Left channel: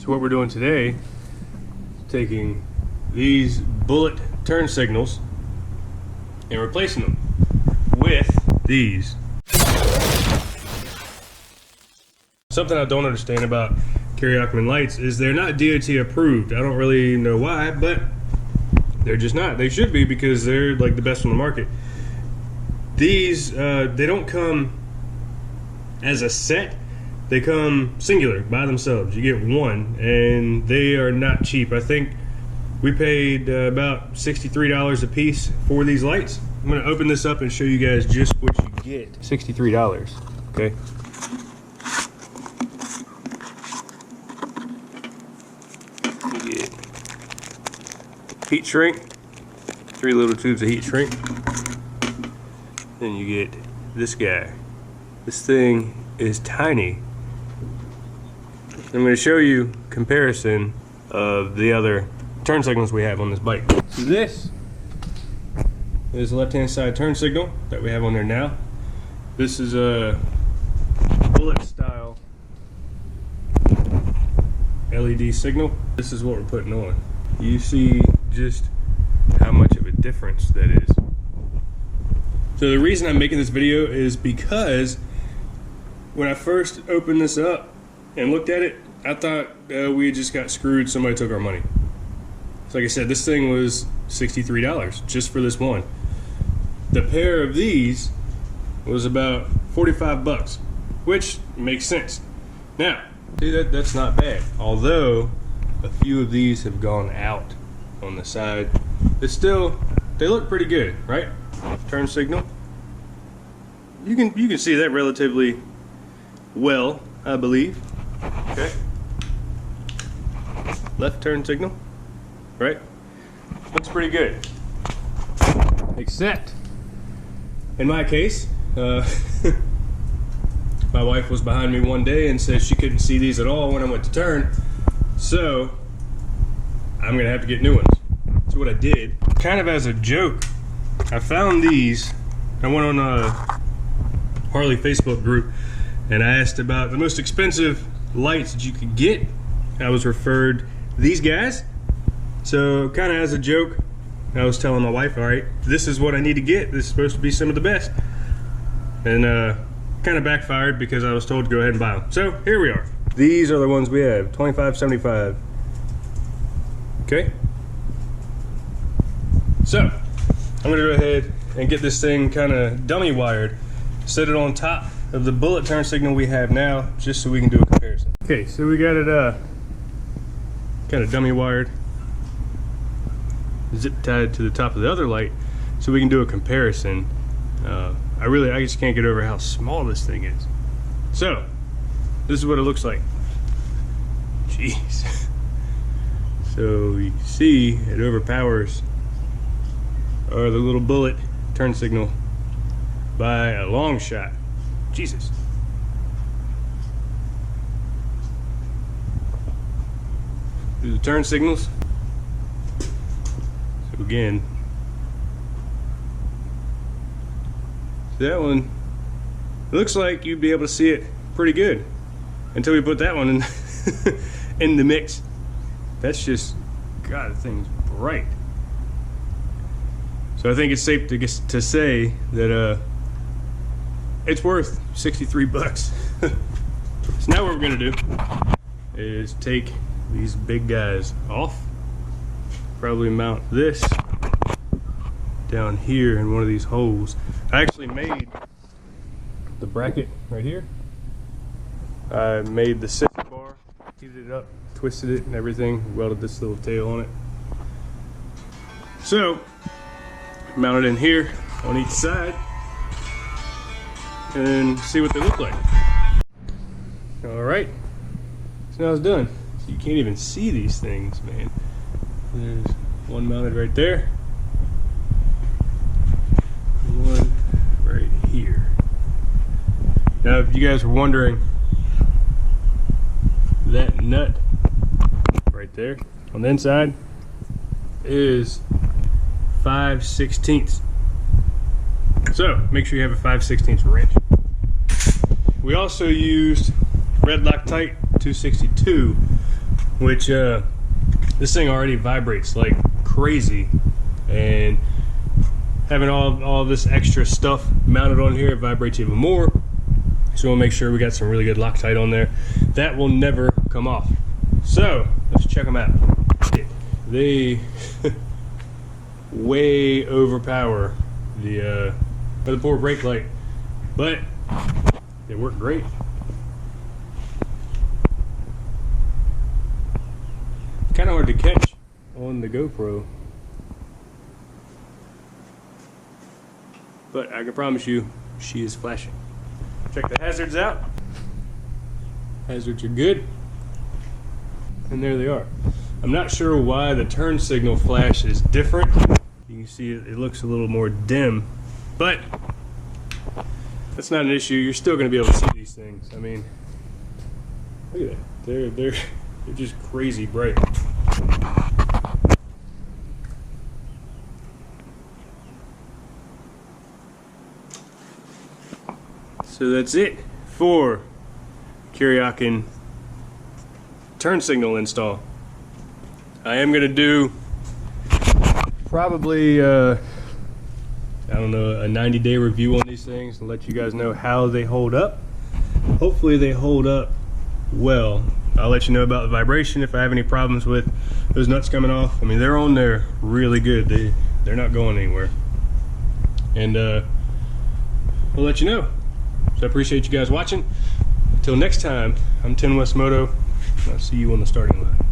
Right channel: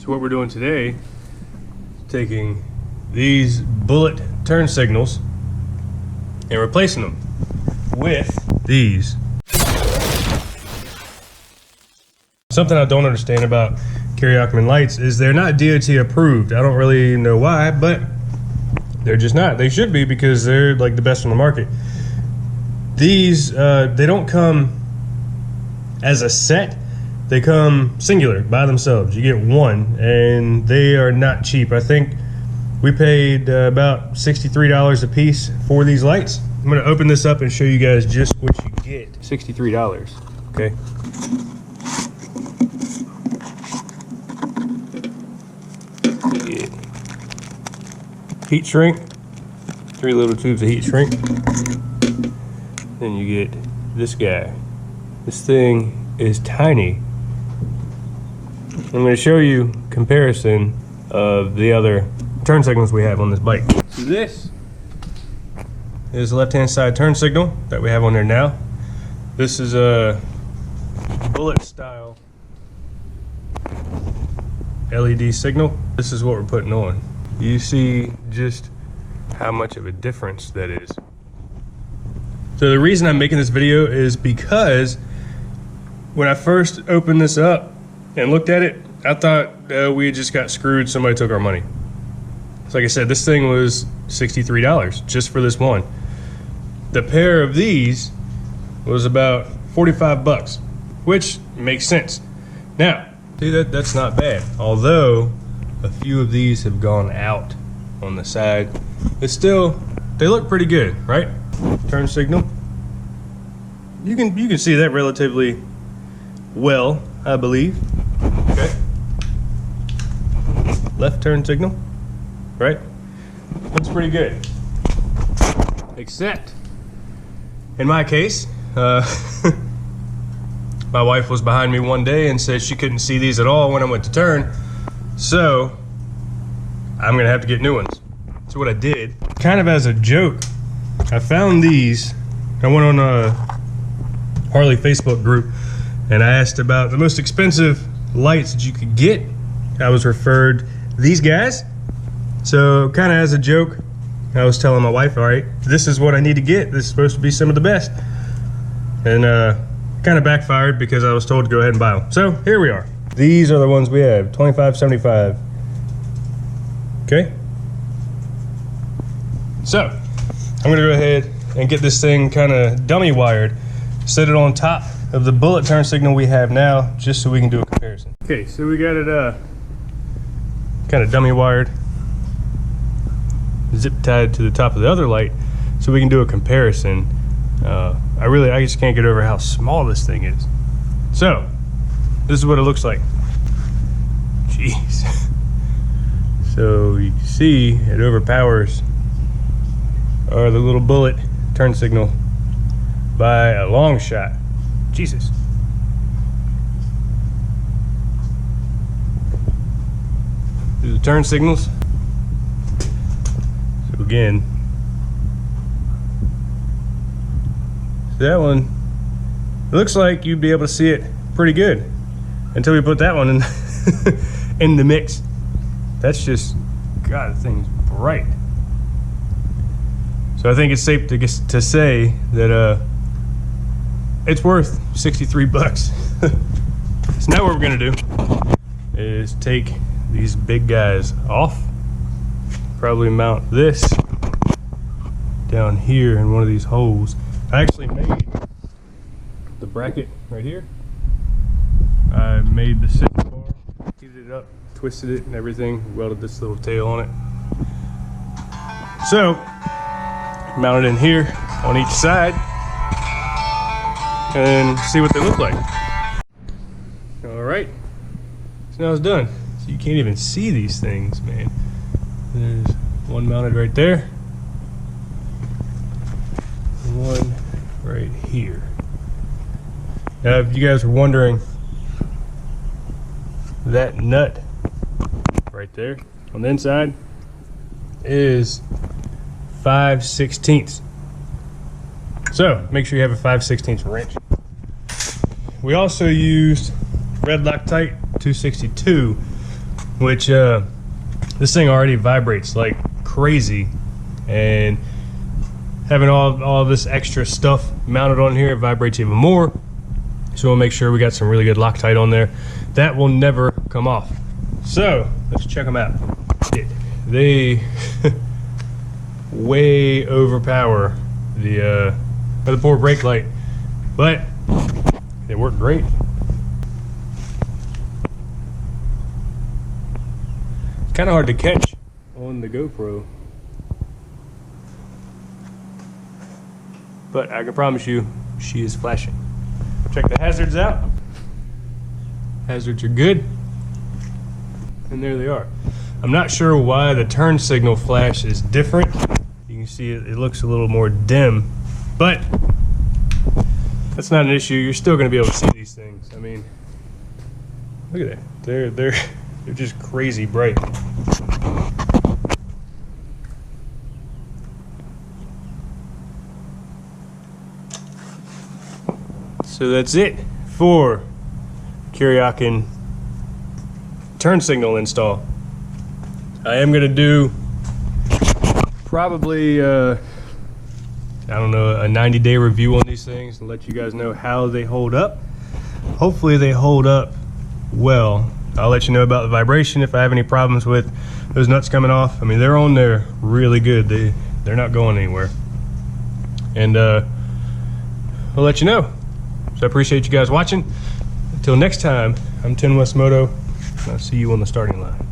So what we're doing today is taking these bullet turn signals and replacing them with these. Something I don't understand about Kuryakyn lights is they're not DOT approved. I don't really know why, but they're just not. They should be, because they're like the best on the market. These, they don't come as a set. They come singular by themselves. You get one, and they are not cheap. I think we paid about $63 a piece for these lights. I'm gonna open this up and show you guys just what you get. $63, okay? You get heat shrink, 3 little tubes of heat shrink. Then you get this guy. This thing is tiny. I'm going to show you comparison of the other turn signals we have on this bike. So this is the left-hand side turn signal that we have on there now. This is a bullet style LED signal. This is what we're putting on. You see just how much of a difference that is. So the reason I'm making this video is because when I first opened this up and looked at it, I thought we just got screwed. Somebody took our money. So like I said, this thing was $63 just for this one. The pair of these was about 45 bucks, which makes sense. Now, see, that's not bad. Although a few of these have gone out on the side, it's still, they look pretty good, right? Turn signal. You can see that relatively well, I believe. Okay. Left turn signal, right? Looks pretty good. Except, in my case, my wife was behind me one day and said she couldn't see these at all when I went to turn. So, I'm gonna have to get new ones. So what I did, kind of as a joke, I found these. I went on a Harley Facebook group and I asked about the most expensive lights that you could get. I was referred these guys. So kind of as a joke, I was telling my wife, all right, this is what I need to get. This is supposed to be some of the best. And kind of backfired because I was told to go ahead and buy them. So here we are. These are the ones we have, 2575. Okay. So I'm gonna go ahead and get this thing kind of dummy wired, set it on top of the bullet turn signal we have now, just so we can do a comparison. Okay, so we got it kind of dummy wired, zip tied to the top of the other light, so we can do a comparison. I just can't get over how small this thing is. So this is what it looks like. Jeez. So you can see it overpowers the little bullet turn signal by a long shot. Jesus. Do the turn signals. So again, so that one, it looks like you'd be able to see it pretty good until we put that one in in the mix. That's just, God, the thing's bright. So I think it's safe to say that it's worth 63 bucks. So now what we're gonna do is take these big guys off, probably mount this down here in one of these holes. I actually made the bracket right here. I made the center bar, heated it up, twisted it and everything, welded this little tail on it. So, mount it in here on each side and see what they look like. All right, so now it's done. So you can't even see these things, man. There's one mounted right there, and one right here. Now, if you guys were wondering, that nut right there on the inside is 5/16. So make sure you have a 5/16 wrench. We also used red Loctite 262 which this thing already vibrates like crazy, and having all this extra stuff mounted on here, it vibrates even more. So we'll make sure we got some really good Loctite on there. That will never come off. So let's check them out. They way overpower the poor brake light, but they work great. It's kind of hard to catch on the GoPro, but I can promise you she is flashing. Check the hazards out. Hazards are good, and there they are. I'm not sure why the turn signal flash is different. You can see it looks a little more dim, but that's not an issue. You're still going to be able to see these things. I mean, look at that. They're just crazy bright. So that's it for the Kuryakyn turn signal install. I am going to do probably, I don't know, a 90-day review on these things and let you guys know how they hold up. Hopefully they hold up well. I'll let you know about the vibration if I have any problems with those nuts coming off. I mean, they're on there really good. They're not going anywhere. And I'll let you know. So I appreciate you guys watching. Until next time, I'm Tin West Moto, and I'll see you on the starting line.